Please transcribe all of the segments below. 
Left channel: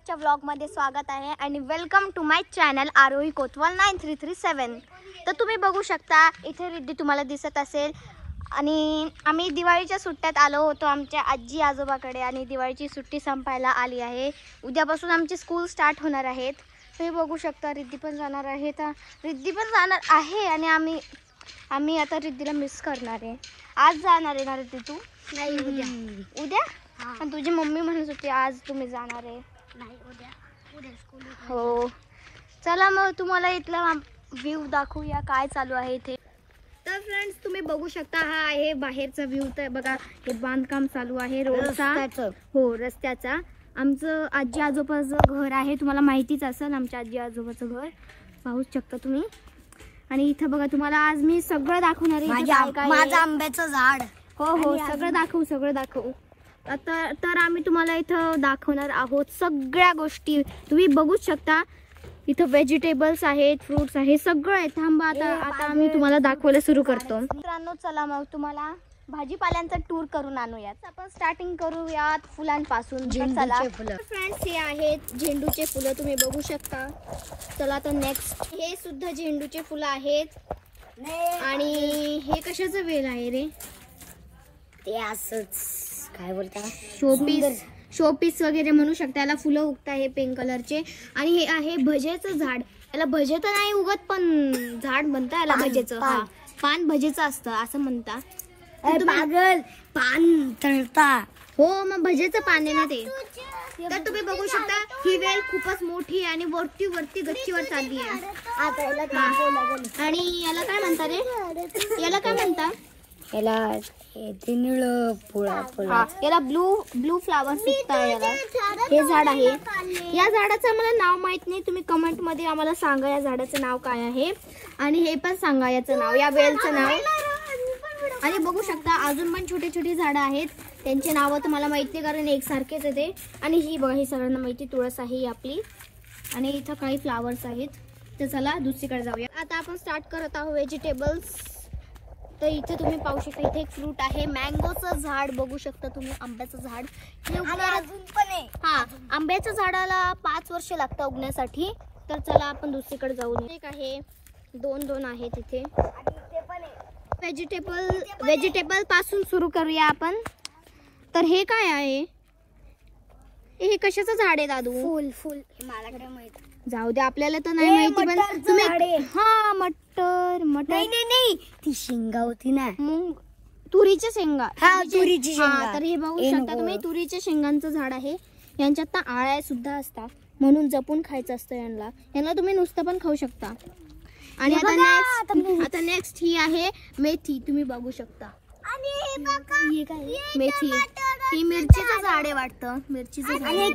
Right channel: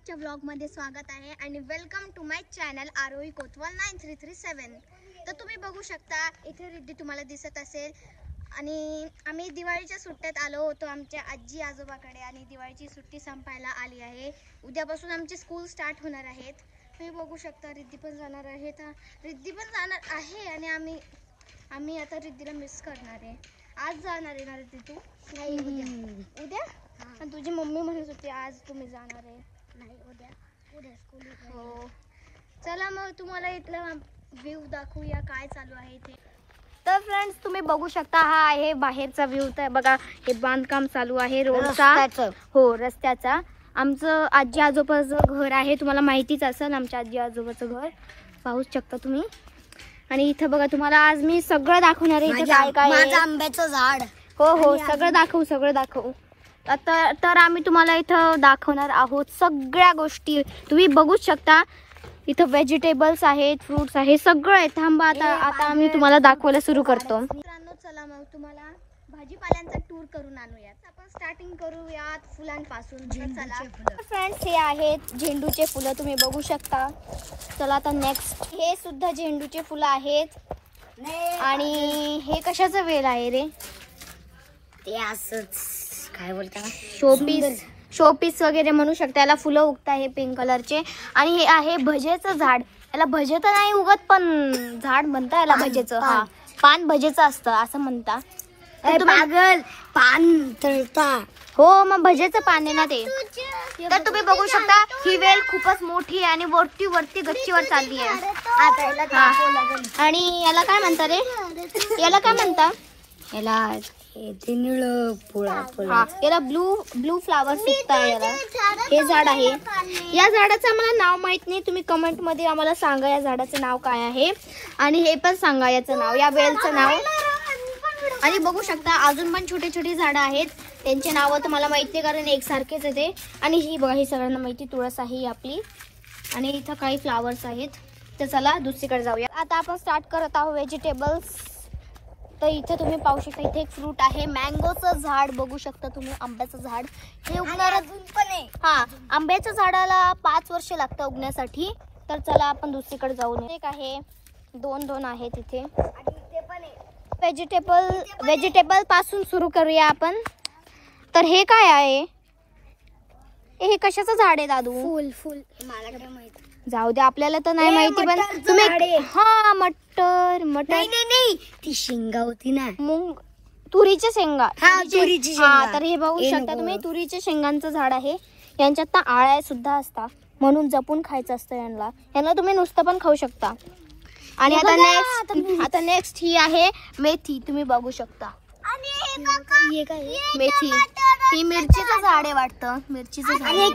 आजच्या व्लॉगमध्ये स्वागत आहे आणि वेलकम टू माय चॅनल आरोही कोतवाल 9337। तर तुम्ही बघू शकता इथे रिद्धी तुम्हाला दिसत असेल आणि आम्ही दिवाळीच्या सुट्ट्यात आलो होतो आमच्या आजी आजोबाकडे आणि दिवाळीची सुट्टी संपायला आली आहे। उद्यापासून आमची स्कूल स्टार्ट होणार आहेत। तुम्ही बघू शकता रिद्धी पण जाणार आहे, तर रिद्धी पण जाणार आहे आणि आम्ही आता रिद्धीला मिस करणार आहे। आज जाणार आहे ना रिद्धी तू? नाही, उद्या आणि तुझी मम्मी म्हणत होती आज तुम्ही जाणार आहे। नाही, उद्या स्कूल हो, चला मग तुम्हाला इथला व्ह्यू दाखवूया काय चालू आहे इथे। तर फ्रेंड्स तुम्ही बघू शकता हा आहे बाहेरचा व्ह्यू। तर बघा हे बांधकाम चालू आहे रोडचा, हो रस्त्याचा। आमचं आजी आजोबाचं घर आहे, तुम्हाला माहितीच असेल आमच्या आजी आजोबाचं घर पाहू शकता तुम्ही। आणि इथं बघा तुम्हाला आज मी सगळं दाखवणार आहे काय काय। माझं आंब्याचं झाड, हो सगळं दाखवू। आता तर आम्ही तुम्हाला इथं दाखवणार आहोत सगळ्या गोष्टी। तुम्ही बघू शकता इथं व्हेजिटेबल्स आहेत, फ्रुट्स आहेत, सगळं आहे। थांबा आता आम्ही तुम्हाला दाखवायला सुरू करतो। मित्रांनो चला मग तुम्हाला भाजीपाल्यांचा टूर करून आणूयात। आपण स्टार्टिंग करूयात फुलांपासून। चला फ्रेंड्स, हे आहेत झेंडूचे फुलं, तुम्ही बघू शकता। चला आता नेक्स्ट, हे सुद्धा झेंडूची फुलं आहेत। आणि हे कशाचं वेल आहे रे? ते असंच काय बोलतात, शोपीस वगैरे म्हणू शकता। याला फुलं उगत आहे पिंक कलरचे। आणि हे आहे भजेचं झाड। याला भजे तर नाही उगत पण झाड म्हणता याला भजेचं। हा, पान भजेचं असतं असं म्हणता। पागल, पान तळता। हो, मग भजेचं पान आहे ना ते। तर तुम्ही बघू शकता ही वेल खूपच मोठी आणि वरती गच्चीवर चालली आहे। आणि याला काय म्हणता रे? याला काय म्हणता? याला याला ब्लू फ्लावर सुकता याला। हे झाड आहे, या झाडाचं आम्हाला नाव माहित नाही, तुम्ही कमेंट मध्ये आम्हाला सांगा या झाडाचं नाव काय आहे। आणि हे पण सांगा याचं नाव, या वेलचं नाव। आणि बघू शकता अजून पण छोटे छोटे झाडं आहेत, त्यांचे नाव तर मला माहित नाही कारण एकसारखेच आहे ते। आणि ही बघा ही सगळ्यांना माहिती तुळस आहे आपली। आणि इथं काही फ्लावर्स आहेत। तर चला दुसरीकडे जाऊया। आता आपण स्टार्ट करत आहोत व्हेजिटेबल्स। तर इथे तुम्ही पाहू शकता इथे एक फ्रूट आहे, मँगोचं झाड बघू शकता तुम्ही, आंब्याचं झाड। हे उगणार हा, आंब्याच्या झाडाला 5 वर्ष लागतं उगण्यासाठी। तर चला आपण दुसरीकडे जाऊन एक आहे, दोन आहेत इथे। व्हेजिटेबल पासून सुरू करूया आपण। तर हे काय आहे? हे कशाचं झाड आहे दादू? फुल मला काय माहिती, जाऊ दे आपल्याला तर नाही माहिती, पण तुम्ही हा मटर नाही ती शेंगा होती ना, मूग, तुरीच्या शेंगा। तुरीची तर हे बघू शकता तुम्ही तुरीच्या शेंगांचं झाड आहे। यांच्यात ना आळ्या सुद्धा असतात, म्हणून जपून खायचं असतं यांना तुम्ही नुसतं पण खाऊ शकता। आणि आता नेक्स्ट ही आहे मेथी, तुम्ही बघू शकता। मेथी ही मिरचीचं झाड आहे वाटतं, मिरचीचं झाड। आणि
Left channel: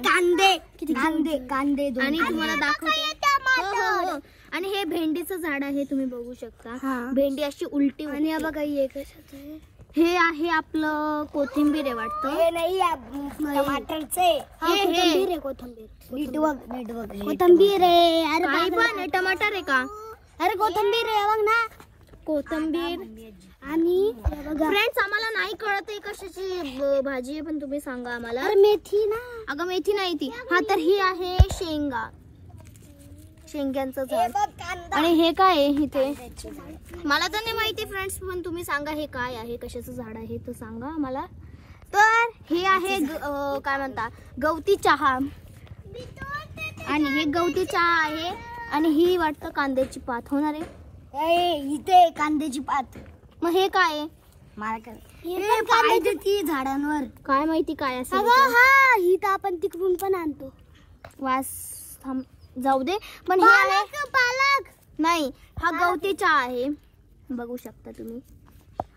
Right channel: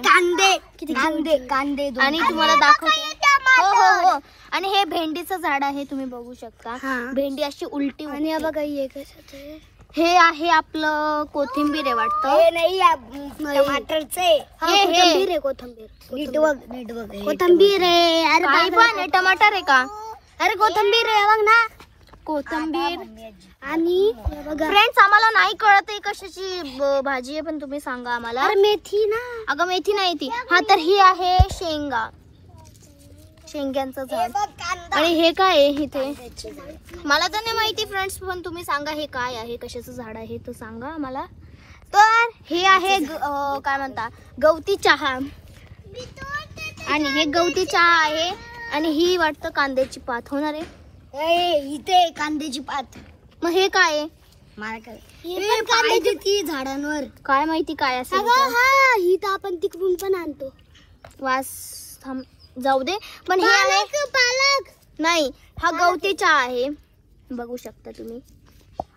कांदे आणि तुम्हाला दाखवते। हो, आणि हे भेंडीचं झाड आहे, तुम्ही बघू शकता। भेंडी अशी उलटी आणि बघा हे आहे आपलं कोथिंबीर आहे वाटतं। हे नाही टमाटरचे, कोथिंबीर आहे, कोथिंबीर आहे। अरे काही पण आहे, टमाटर आहे का? अरे कोथिंबीर आहे बघ ना, कोथिंबीर। आणि फ्रेंड्स आम्हाला नाही कळत आहे कशाची भाजी आहे, पण तुम्ही सांगा आम्हाला। अरे मेथी ना, अगं मेथी नाही ती। हा, तर ही आहे शेंग्यांचं झाड। आणि हे काय आहे इथे? मला तर नाही माहिती फ्रेंड्स, पण तुम्ही सांगा हे काय आहे, कशाचं झाड आहे तर सांगा आम्हाला। तर हे आहे काय म्हणता, गवती चहा। आणि हे गवती चहा आहे। आणि ही वाटतं कांद्याची पात होणार आहे। इथे कांद्याची पात। मग हे काय आहे? कांद्याची झाडांवर काय माहिती काय असेल। ही तर आपण तिकडून पण आणतो। वास जाऊ दे, पण हे आहे पालक नाही, हा गवती चहा आहे, बघू शकता तुम्ही।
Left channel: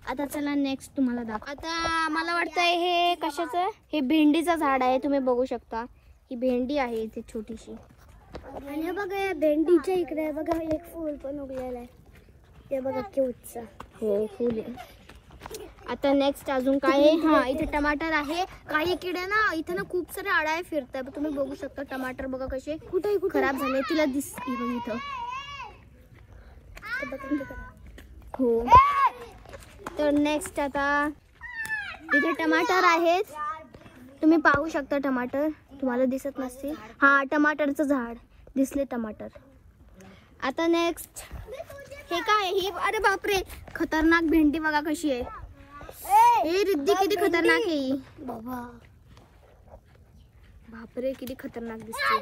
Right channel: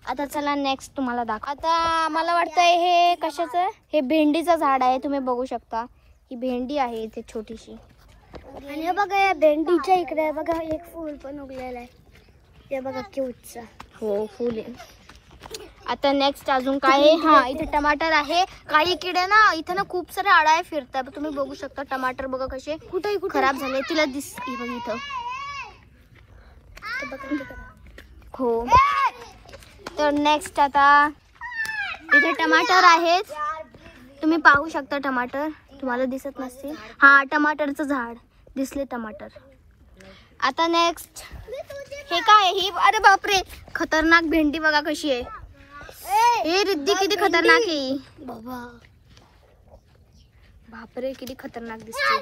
आता चला नेक्स्ट तुम्हाला दाखव। आता मला वाटतंय हे कशाचं, हे भेंडीचं झाड आहे, तुम्ही बघू शकता। ही भेंडी आहे इथे छोटीशी। आणि बघा या भेंडीच्या इकडे बघा एक फूल पण उगलेलं आहे, हे बघा क्यूटचं। हो, फुल आहे। आता नेक्स्ट अजून काय आहे? हा, इथे टमाटर आहे। काही किडे ना इथे ना खूप सारे आळ्या फिरतात, तुम्ही बघू शकता। टमाटर बघा कसे खराब झाले, तिला दिसते बघ इथं। हो, तर नेक्स्ट आता इथे टमाटर आहेत, तुम्ही पाहू शकता टमाटर। तुम्हाला दिसत नसते. हा टमाटरचं झाड दिसले टमाटर. आता नेक्स्ट हे काय ही, अरे बापरे खतरनाक भेंडी बघा कशी आहे. ए रिद्धी किती खतरनाक आहे ही. बापरे किती खतरनाक दिसते.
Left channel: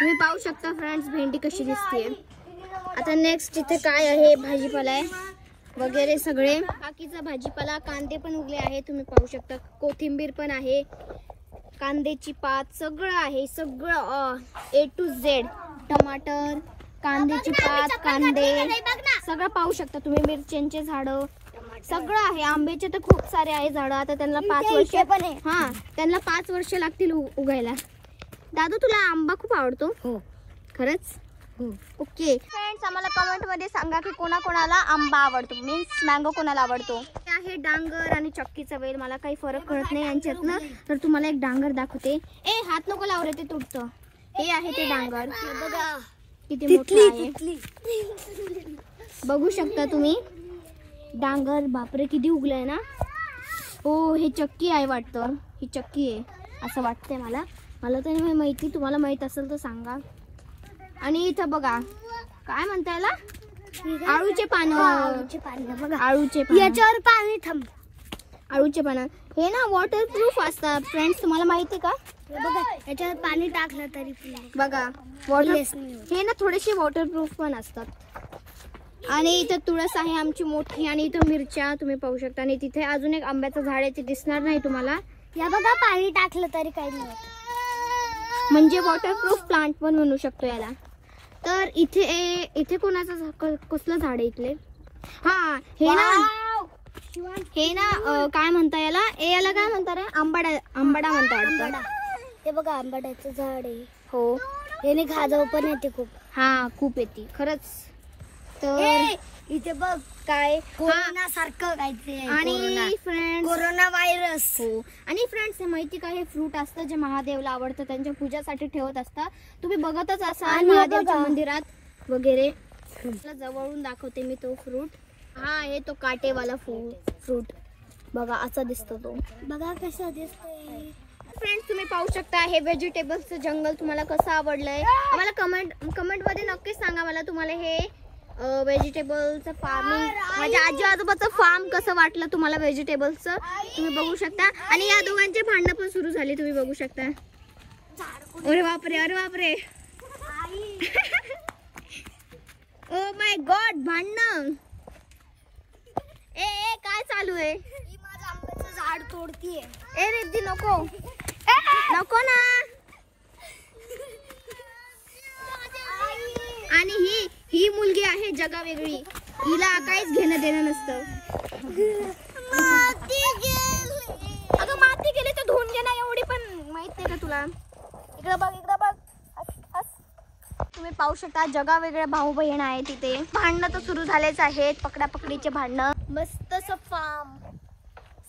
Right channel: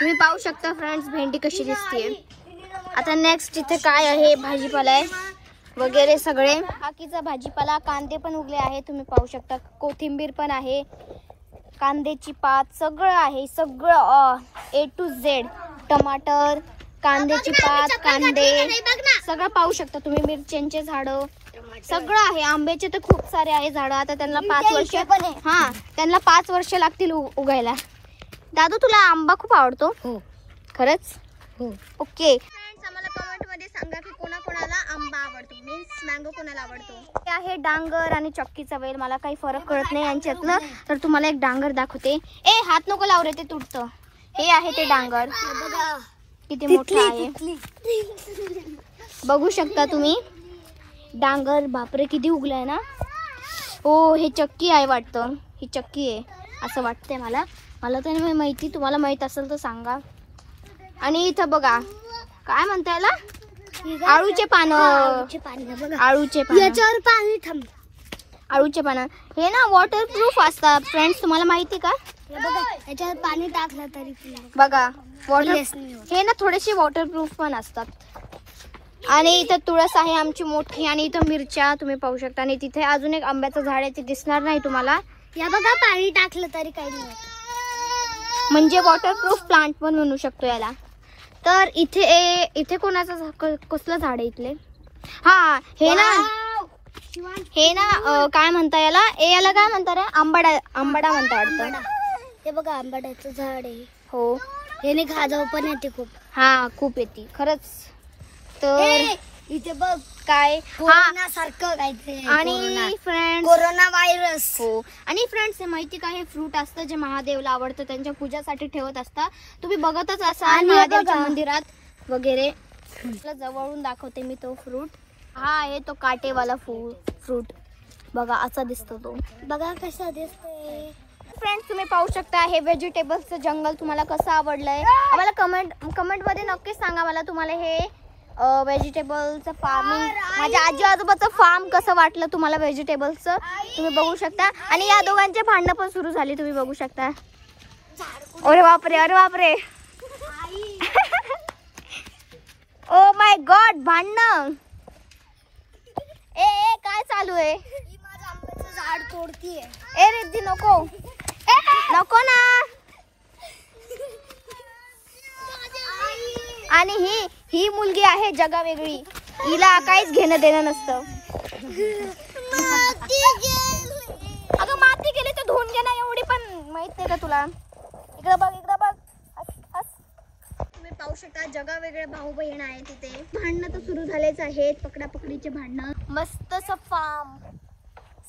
तुम्ही पाहू शकता फ्रेंड्स भेंडी कशी दिसते. आता नेक्स्ट इथे काय आहे, भाजीपाला आहे वगैरे सगळे. बाकीचा भाजीपाला, कांदे पण उगले आहे तुम्ही पाहू शकता, कोथिंबीर पण आहे, कांद्याची पात सगळं आहे, सगळं A to Z. टमाटर, कांद्याची पात, कांदे सगळं पाहू शकता तुम्ही. मिरच्यांचे झाड सगळं आहे. आंब्याचे तर खूप सारे आहे झाड. आता त्यांना 5 वर्ष हा त्यांना 5 वर्ष लागतील उगायला. दादू तुला आंबा खूप आवडतो? हो. खरंच? ओके फ्रेंड्स, आम्हाला कमेंट मध्ये सांगा की कोणाकोणाला आंबा आवडतो, मीन्स मँगो कोणाला आवडतो. हे आहे डांगर आणि चक्कीचा वेल. मला काही फरक कळत नाही यांच्यातलं, तर तुम्हाला एक डांगर दाखवते. ए हात नको लावू रे, ते तुटतं. हे आहे ते डांगर बघा किती मोठं आहे बघू शकता तुम्ही. डांगर बापरे किती उगलाय ना. हो हे चक्की आहे वाटतं, ही चक्की आहे असं वाटतंय मला. मला तर नाही माहिती, तुम्हाला माहित असेल तर सांगा. आणि इथं बघा काय म्हणता याला, आळूचे पानं. आळूचे पानं, याच्यावर पाणी थांब. आळूचे पानं हे ना वॉटरप्रूफ असतात फ्रेंड्स, तुम्हाला माहिती का? याच्यावर पाणी टाकलं तरी बघा वॉटर हे ना थोडेसे वॉटरप्रूफ पण असतात. आणि इथं तुळस आहे आमची मोठी, आणि इथं मिरच्या तुम्ही पाहू शकता. आणि तिथे अजून एक आंब्याचं झाड आहे, ते दिसणार नाही तुम्हाला. या बघा पाणी टाकलं तरी काही नाही, म्हणजे वॉटरप्रूफ प्लांट पण म्हणू शकतो याला. तर इथे कोणाचं कसलं झाड आहे इथले? हा हे ना काय म्हणता याला, याला काय म्हणता रे, आंबाडा म्हणता वाटतं. हे बघा आंबाड्याचं झाड आहे. हो याने खाजव पण येते खूप. हा खूप येते खरंच. तर इथे बघ काय कोरोना सारखं काहीतरी. आणि फ्रेंड्स कोरोना व्हायरस. हो. आणि फ्रेंड्स हे माहिती का, हे फ्रूट असतं जे महादेवला आवडतं, त्यांच्या पूजासाठी ठेवत असतात. तुम्ही बघतच असाल महादेवच्या मंदिरात वगैरे. जवळून दाखवते मी तो फ्रूट. हा आहे तो काटेवाला फ्रूट बघा असा दिसतो तो. बघा कसा दिसतोय. फ्रेंड्स तुम्ही पाहू शकता हे व्हेजिटेबल्सचं जंगल तुम्हाला कसं आवडलंय. आम्हाला कमेंट मध्ये नक्कीच सांगा मला तुम्हाला हे व्हेजिटेबलचं फार्म, माझ्या आजी आजोबाचं फार्म कसं वाटलं तुम्हाला व्हेजिटेबल्सचं. तुम्ही बघू शकता. आणि या दोघांचे भांडणं पण सुरू झाली तुम्ही बघू शकता. अरे बापरे अरे बापरे ओ माय गॉड भांडणं. ए काय चालू आहे? झाड तोडतीये. ए रिद्धी नको नको ना. आणि ही मुलगी आहे जगा वेगळी, हिला काहीच घेणं देणं नसतं. अगं माती गेली तर धुवून घे ना, एवढी पण माहित नाही का तुला. इकडं बघ इकडं बघ. तुम्ही पाहू शकता जगा वेगळे भाऊ बहीण आहे तिथे. भांडणं तर सुरू झालेच आहेत, पकडापकडीचे भांडणं. मस्त असं फार्म,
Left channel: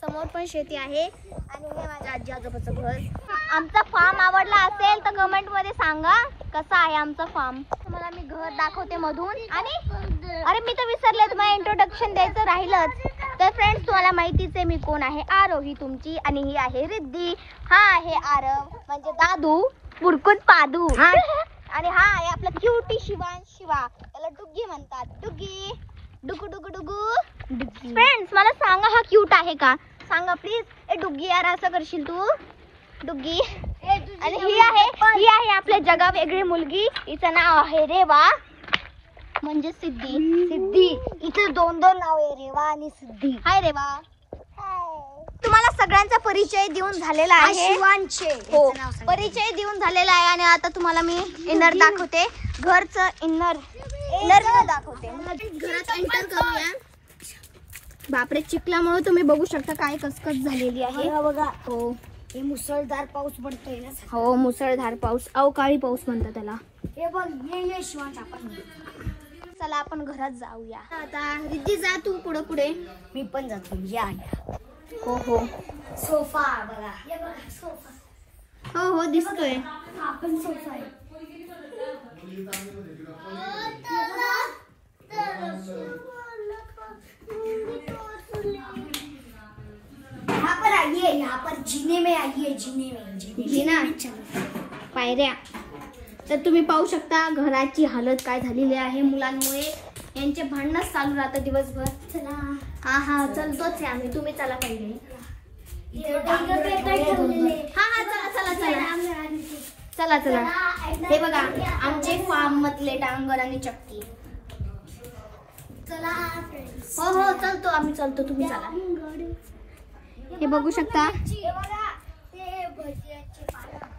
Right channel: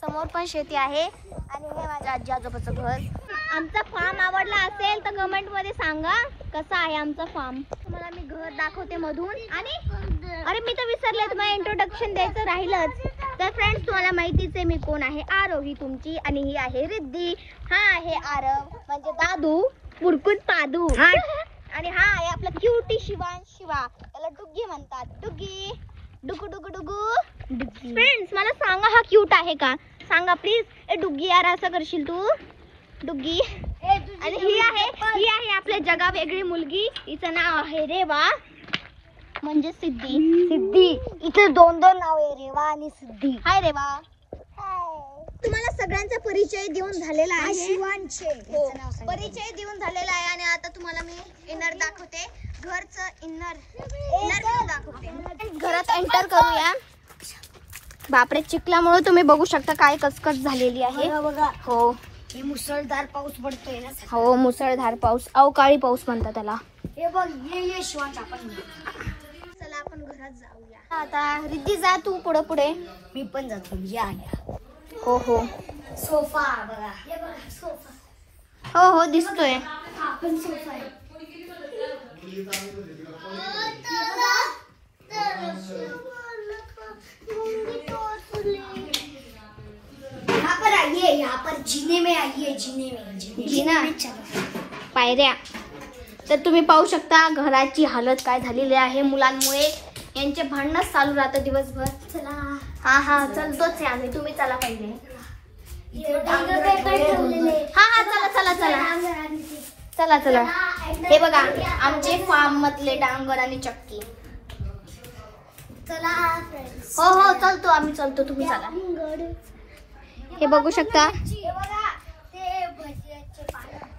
समोर पण शेती आहे. आणि हे माझ्या आजी आजोबाचं घर. आमचा फार्म आवडला असेल तर कमेंट मध्ये सांगा कसा आहे आमचा फार्म. तुम्हाला मी घर दाखवते मधून. आणि अरे मी तर विसरले, तुम्हाला इंट्रोडक्शन द्यायचं राहिलंच. तर फ्रेंड्स तुम्हाला माहितीच आहे मी कोण आहे. आरव ही तुमची, आणि ही आहे रिद्धी. हा आहे आरव म्हणजे दादू बुरकुट पादू. आणि हा आहे आपला क्यूटी शिवा. त्याला डुग्गी म्हणतात. डुग्गी डुगू डुगू डुगू डुग्गी. फ्रेंड्स मला सांगा हा क्यूट आहे का, सांगा प्लीज. ए डुग्गी यार असं करशील तू डुग्गी. आणि ही आहे आपल्या जगा वेगळी मुलगी. हिचं नाव आहे रेवा म्हणजे सिद्धी. इथे 2 नाव आहे, रेवा आणि सिद्धी. हाय रेवा. तुम्हाला सगळ्यांचा परिचय देऊन झालेला आहे. हो परिचय देऊन झालेला आहे. आणि आता तुम्हाला मी इनर दाखवते, घरचं इनर दाखवते. घरात एंटर करूया. बापरे चिखलामुळे तुम्ही बघू शकता काय कचकच झालेली आहे. हो मुसळधार पाऊस पडतोय ना. हो मुसळधार पाऊस, अवकाळी पाऊस म्हणतात त्याला. चला आपण घरात जाऊया. आता रिद्धी जा तू पुढे. मी पण जातो. या हो हो सोफा बघा. सोफा हो दिसतोय. सोफा आहे. हा आइए यहाँ पर जीने में आइए, जीने में जिना पायऱ्या. तर तुम्ही पाहू शकता घराची हालत काय झालेली आहे मुलांमुळे. यांचे भांडणच चालू राहतं दिवसभर. चला हा चलतोच आहे आम्ही. तुम्ही चला पहिले. हा चला चला चला चला चला. हे बघा आमचे फार्म मधले डांगर आणि चक्की. चला हो चलतो आम्ही चलतो. तुम्ही चला. हे बघू शकता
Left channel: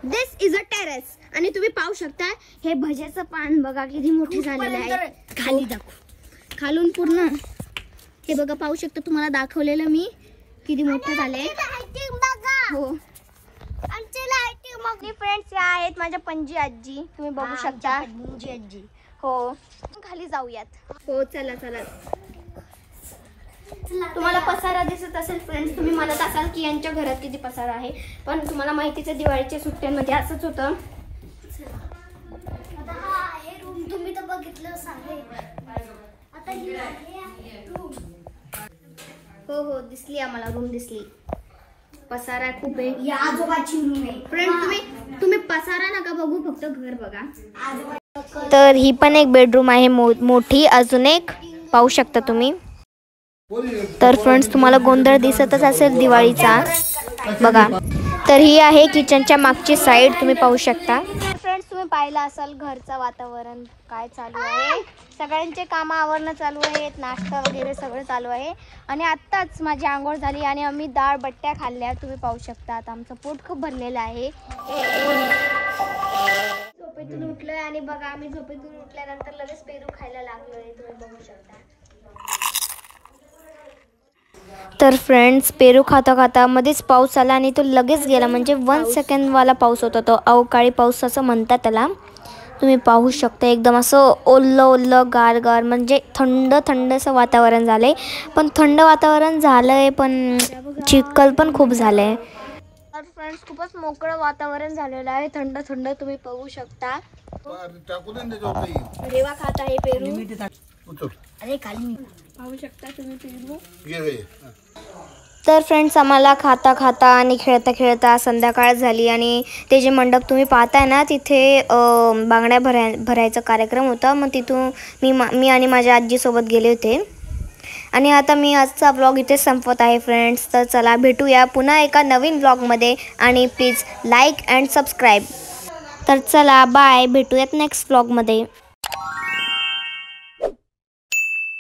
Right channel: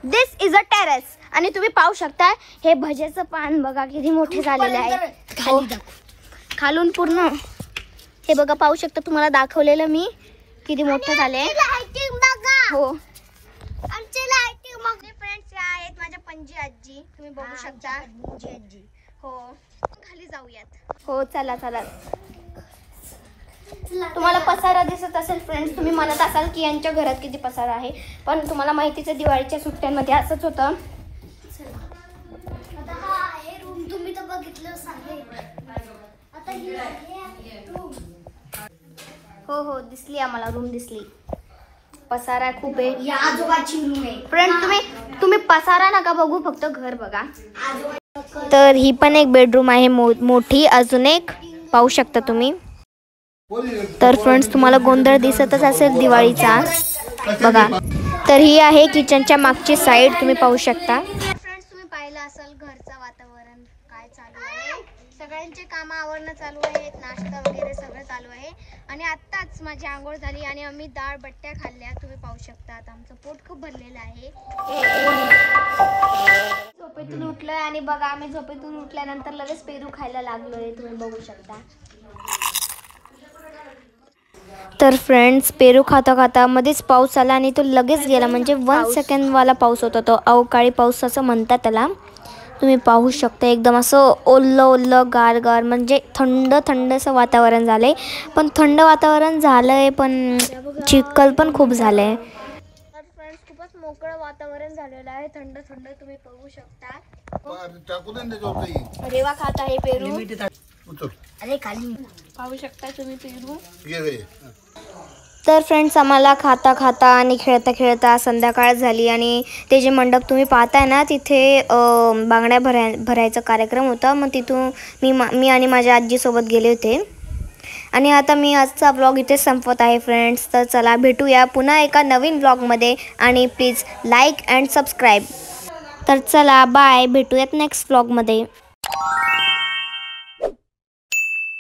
दिस इज अ टेरेस. आणि तुम्ही पाहू शकता हे भजेचं पान बघा किती मोठे झालेले आहे. खालून पूर्ण हे बघा पाहू शकता. तुम्हाला दाखवलेलं मी किती मोठे झाले. हो फ्रेंड्स या आहेत माझ्या पणजी आजी. तुम्ही बघू शकता. हो खाली जाऊयात. हो चला चला. तुम्हाला पसारा दिसत असेल फ्रेंड्स. तुम्ही म्हणत असाल की यांच्या घरात किती पसारा आहे. पण तुम्हाला माहितीच आहे दिवाळीच्या सुट्ट्यांमध्ये असंच होतं. हो दिसली आम्हाला रूम दिसली. पसारा खूप आहे. आजोबाची रूम आहे. फ्रेंड तुम्ही पसारा नका बघू फक्त घर बघा. तर ही पण एक बेडरूम आहे मोठी. अजून एक पाहू शकता तुम्ही. तर फ्रेंड्स तुम्हाला गोंधळ दिसतच असेल दिवाळीचा बघा. तर ही आहे किचनच्या मागची साईड. तुम्ही पाहू शकता. फ्रेंड्स तुम्ही पाहिलं असाल घरचं वातावरण काय चालू आहे. सगळ्यांचे कामं आवरणं चालू आहेत. नाश्ता वगैरे सगळं चालू आहे. आणि आत्ताच माझी आंघोळ झाली आणि आम्ही डाळ बट्ट्या खाल्ल्या. तुम्ही पाहू शकता. आता आमचं पोट खूप भरलेलं आहे. झोपेतून उठलोय आणि बघा आम्ही झोपेतून उठल्यानंतर लगेच पेरू खायला लागलोय. तुम्ही बघू शकता. तर फ्रेंड्स पेरू खाता खाता मध्येच पाऊस आला आणि तो लगेच गेला. म्हणजे 1 सेकंडवाला पाऊस होता तो. अवकाळी पाऊस असं म्हणतात त्याला. तुम्ही पाहू शकता एकदम असं ओल्लं ओल्लं गार गार म्हणजे थंड थंड असं वातावरण झालं आहे. पण थंड वातावरण झालं आहे पण चिखल पण खूप झालं आहे. तर फ्रेंड्स खूपच मोकळं वातावरण झालेलं आहे. थंड थंड तुम्ही पाहू शकता. रेवा खात आहे पेरू. अरे खाली पाहू शकता तुम्ही पेरू. तर फ्रेंड्स आम्हाला खाता खाता आणि खेळता खेळता संध्याकाळ झाली आणि ते जे मंडप तुम्ही पाहताय ना तिथे बांगड्या भरायचा कार्यक्रम होता. मग तिथून मी आणि माझ्या आजीसोबत गेले होते. आणि आता मी आजचा ब्लॉग इथे संपवत आहे फ्रेंड्स. तर चला भेटूया पुन्हा एका नवीन ब्लॉगमध्ये. आणि प्लीज लाईक अँड सबस्क्राईब. तर चला बाय. भेटूयात नेक्स्ट ब्लॉगमध्ये.